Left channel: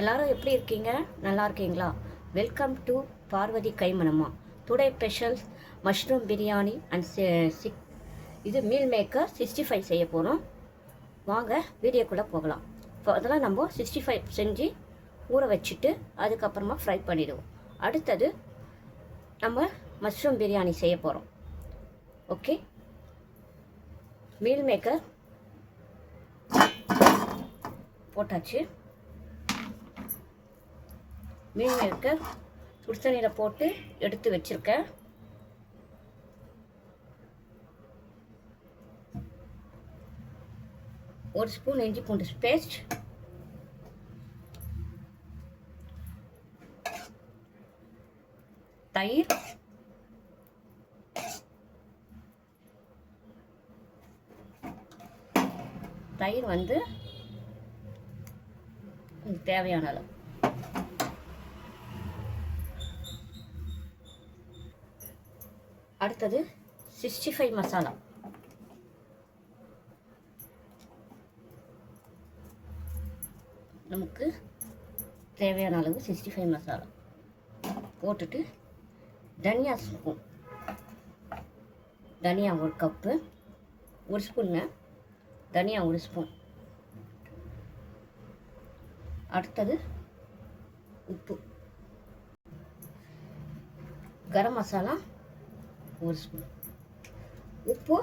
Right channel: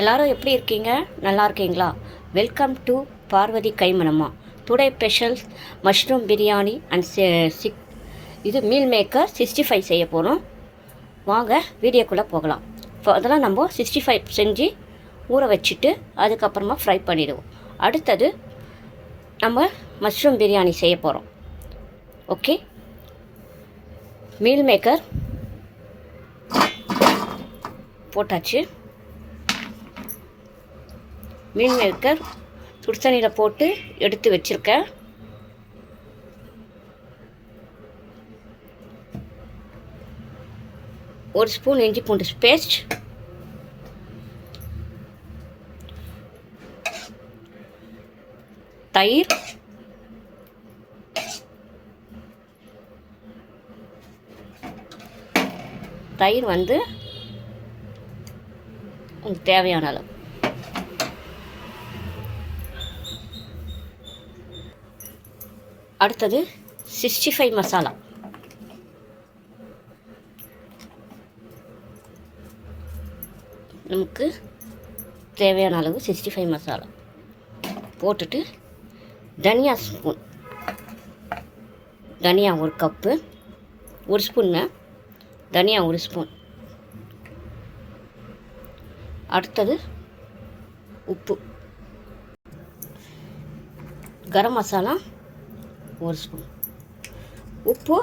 எல்லாரும் எப்படி இருக்கீங்க? நல்லா இருக்கீங்களா? வெல்கம் டு பார்வதி கைமணம்மா. Today special mushroom biryani and இது மீல் மேக்கர் 65 செய்ய போகிறோம். வாங்க வீடியோக்குள்ளே போகலாம். அதெல்லாம் நம்ம 65 செஞ்சு ஊற வச்சுட்டு அதுக்கப்புறமா ஃப்ரை பண்ணிடுவோம். அடுத்தது நம்ம மஷ்ரூம் பிரியாணி செய்ய போகிறோம். ஓகே, மீல் மேக்கர் போட்டாச்சு. மீல் மேக்கர் சுடுதண்ணியில் போட்டு எடுத்து வச்சுருக்கேன். ஒரு ஸ்பூன் இஞ்சி பூண்டு பேஸ்ட், தயிர், தயிர் வந்து உங்களுக்கு தேவையான அளவு. அடுத்தது 65 மசாலா. நமக்கு தேவையான அளவு 65 மசாலா போட்டுட்டு தனியா ஸ்பூன், தனியா ஒரு கப்பு, ஒரு ஸ்பூன்னு தனியா ஒரு ஸ்பூன். அடுத்தது உப்பு, கரம் மசாலா ஒரு ஸ்பூன், உப்பு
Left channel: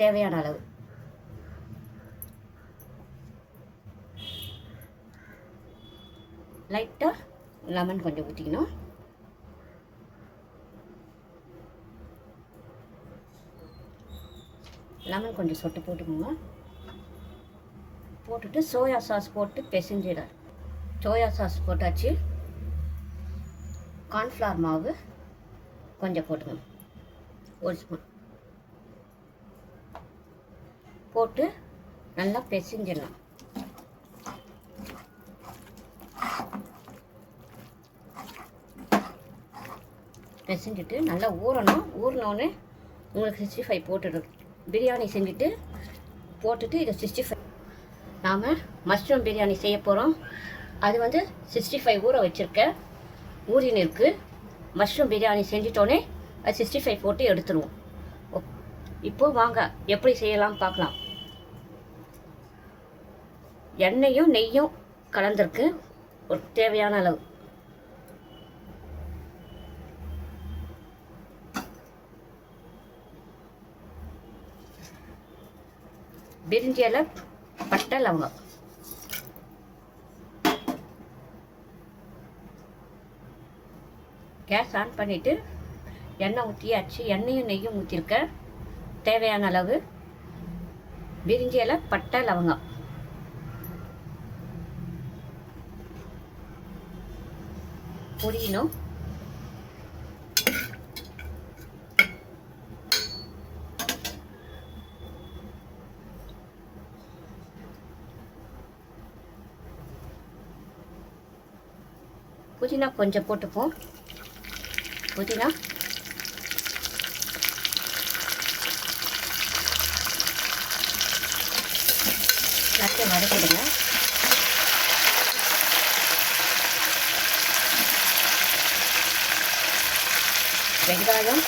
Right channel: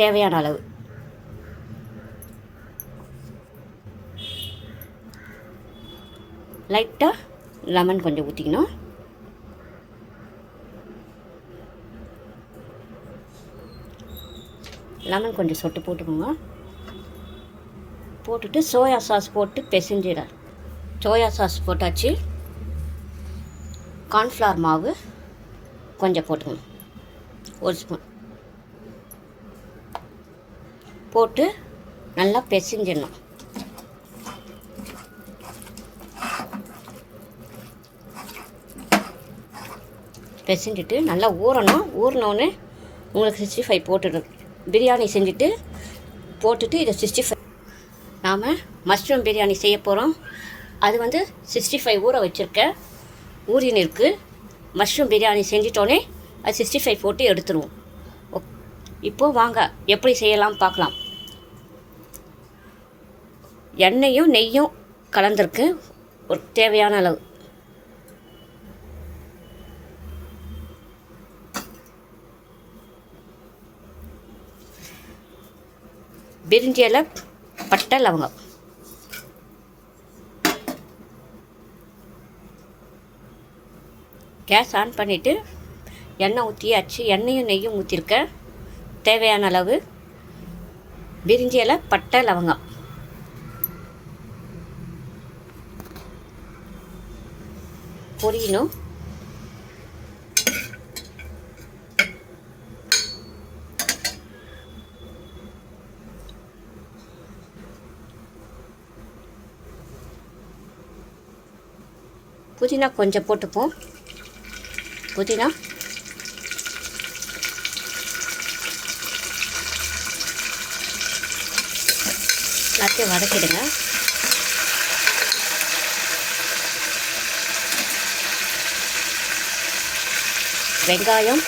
தேவையான அளவு. லைட்டாக லெமன் கொஞ்சம் ஊற்றிக்கணும். லெமன் கொஞ்சம் சொட்டு போட்டுக்கோங்க. போட்டுட்டு சோயா சாஸ் போட்டு பிசைஞ்சிட. சோயா சாஸ் போட்டாச்சு. கார்ன்ஃப்ளவர் மாவு கொஞ்சம் போட்டுக்கணும், ஒரு ஸ்பூன் போட்டு நல்லா பிசைஞ்சிடலாம். பிசைஞ்சிட்டு நல்லா ஊறணும். ஊறினோன்னு உங்களுக்கு 65 போட்டுடும். பிரியாணி செஞ்சுட்டு போட்டுட்டு இதை 65 நாம் மஷ்ரூம் பிரியாணி செய்ய போகிறோம். அது வந்து 65 ஊற வச்சுருக்கேன், ஊறின்னு இருக்குது. மஷ்ரூம் பிரியாணி செஞ்சிட்டோன்னே அது 65 போட்டு எடுத்துருவோம். இப்போது வாங்க எப்படி செய்யலாம் பார்க்கலாம். எண்ணெயும் நெய்யும் கலந்துருக்கு ஒரு தேவையான அளவு. பிரிஞ்சி இலை, பட்டை, லவங்கம். கேஸ் ஆன் பண்ணிவிட்டு எண்ணெய் ஊற்றியாச்சு. எண்ணெயும் நெய்யும் ஊற்றிருக்கேன் தேவையான அளவு. பிரிஞ்சி இலை, பட்டை, லவங்கம் பொரியணும். புதினா கொஞ்சம் போட்டுப்போம். புதினா எல்லாத்தையும் வதக்கிடுங்க. வெங்காயம்,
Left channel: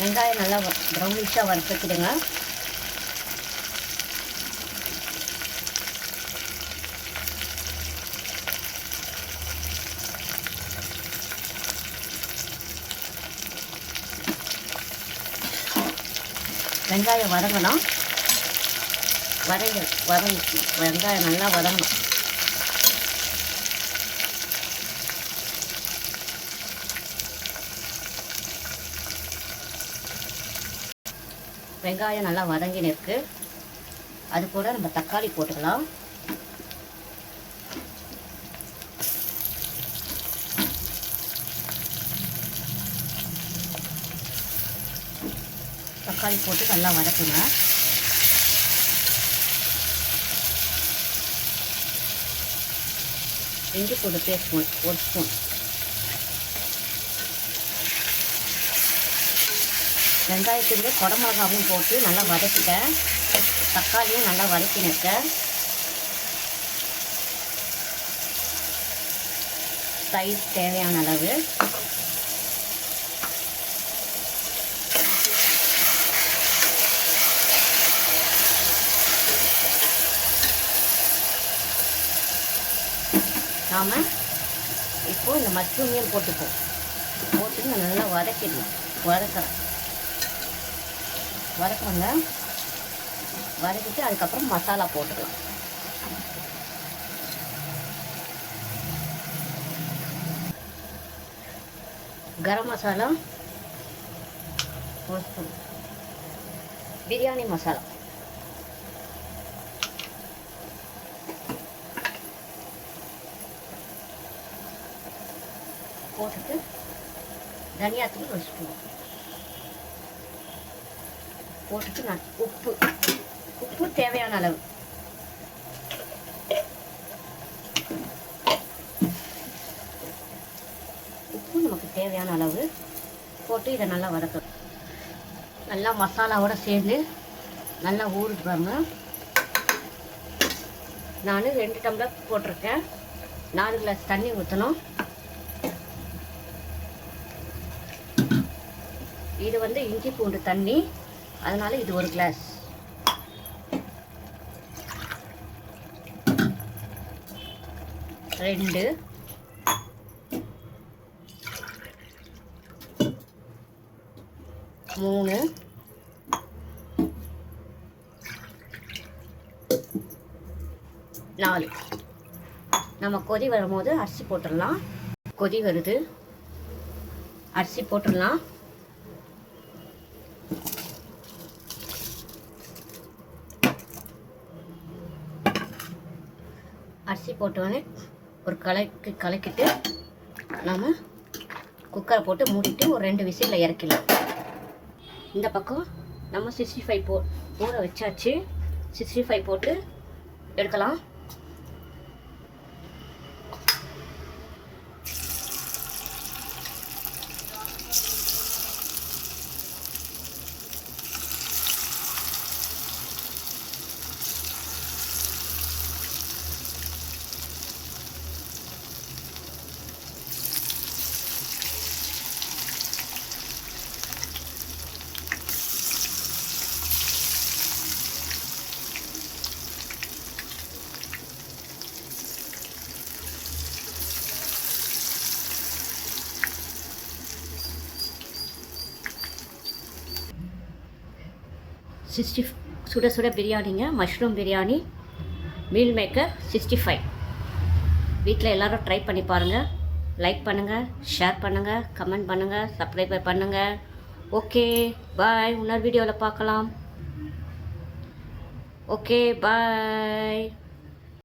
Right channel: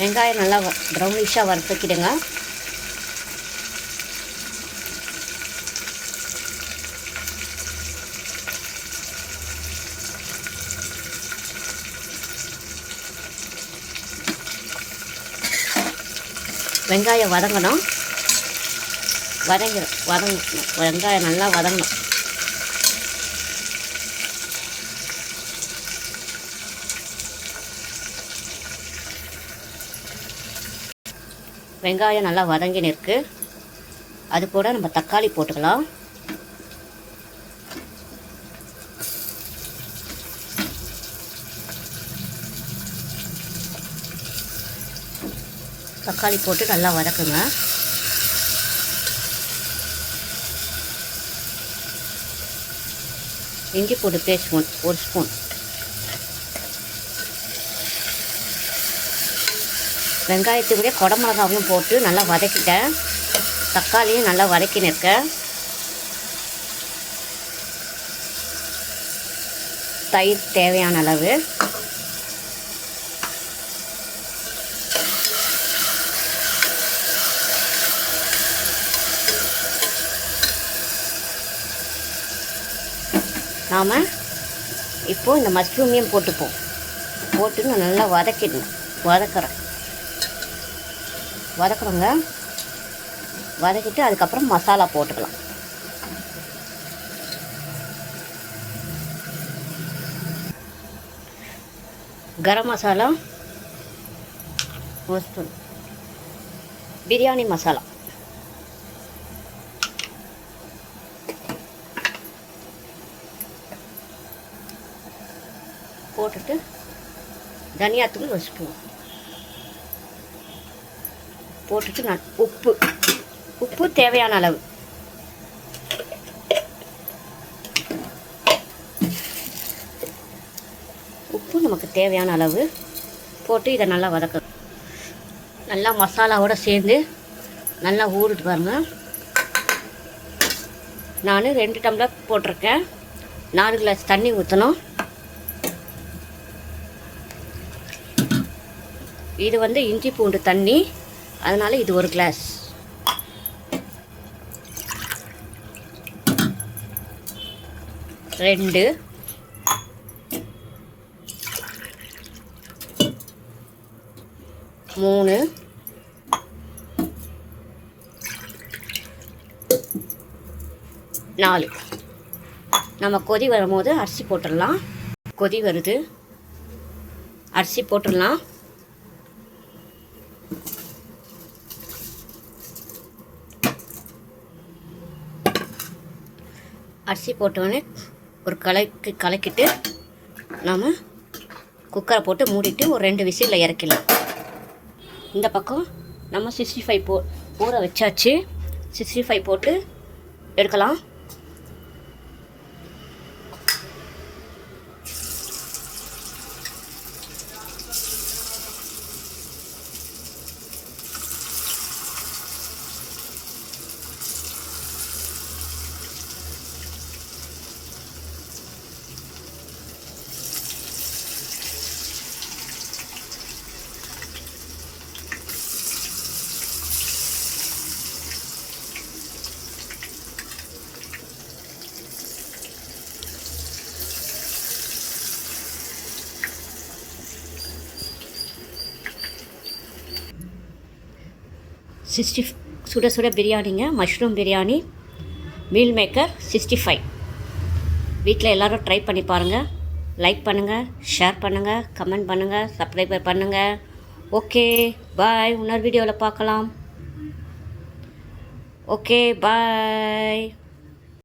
வெங்காயம் நல்லா ப்ரௌனிஷாக வறுத்துக்கிடுங்க. வெங்காயம் வதங்கணும். வெங்காயம் நல்லா வதங்கணும். வெங்காயம் நல்லா வதங்கின்னு இருக்கு. அது கூட நம்ம தக்காளி போட்டுக்கலாம். தக்காளி போட்டு நல்லா வதக்குங்க. இஞ்சி பூண்டு பேஸ்ட் ஒரு ஸ்பூன், வெங்காயத்துக்குள்ளே குடமிளகாவும் போட்டு நல்லா வதக்கிட்டேன். தக்காளியும் நல்லா வதக்கின்னு இருக்கேன். தயிர் தேவையான அளவு, நாம் இப்போது இந்த மஷ்ரூமையும் போட்டுப்போம். போட்டு நல்லா வதக்குறோங்க. வதக்கிட்டு அதுக்கப்புறம் மசாலா போட்டுக்கலாம். கரம் மசாலா 1 ஸ்பூன், பிரியாணி மசாலா போட்டுட்டு, தனியாத்தூள் 1 ஸ்பூன் போட்டுட்டு, நான் உப்பு தேவையான அளவு, உப்பு நமக்கு தேவையான அளவு போட்டு இதை நல்லா வதக்கணும். நல்லா மசாலாவோடு சேர்ந்து நல்லா ஊறிட்டு பாருங்க. நான் 2 டம்ளர் போட்டிருக்கேன். 4 கிளாஸ் தண்ணி ஊற்றணும். இது வந்து இஞ்சி பூண்டு தண்ணி, அதனால் இது 1 கிளாஸ். ரெண்டு 3 4. நம்ம கொதி வரும்போது அரிசி போட்டுடலாம். கொதி வருது, அரிசி போட்டுடலாம். அரிசி போட்டோடனே ஒரு கலக்கிட்டு நாம் குக்கரை போட்டு மூடிட்டு ஒரு 2 விசிலில் இறக்கலாம். இந்த பக்கம் நம்ம 65 ஊற வச்சாச்சு. 65 போட்டு எடுக்கலாம். சுட சுட பிரியாணிங்க, மஷ்ரூம் பிரியாணி, மீல் மேக்கர் 65. வீட்டில் எல்லோரும் ட்ரை பண்ணி பாருங்கள். லைக் பண்ணுங்கள், ஷேர் பண்ணுங்கள், கமெண்ட் பண்ணுங்கள், சப்ஸ்கிரைபர் பண்ணுங்கள். Okay bye. இன்னொரு வீடியோவில் பார்க்கலாம். Okay bye.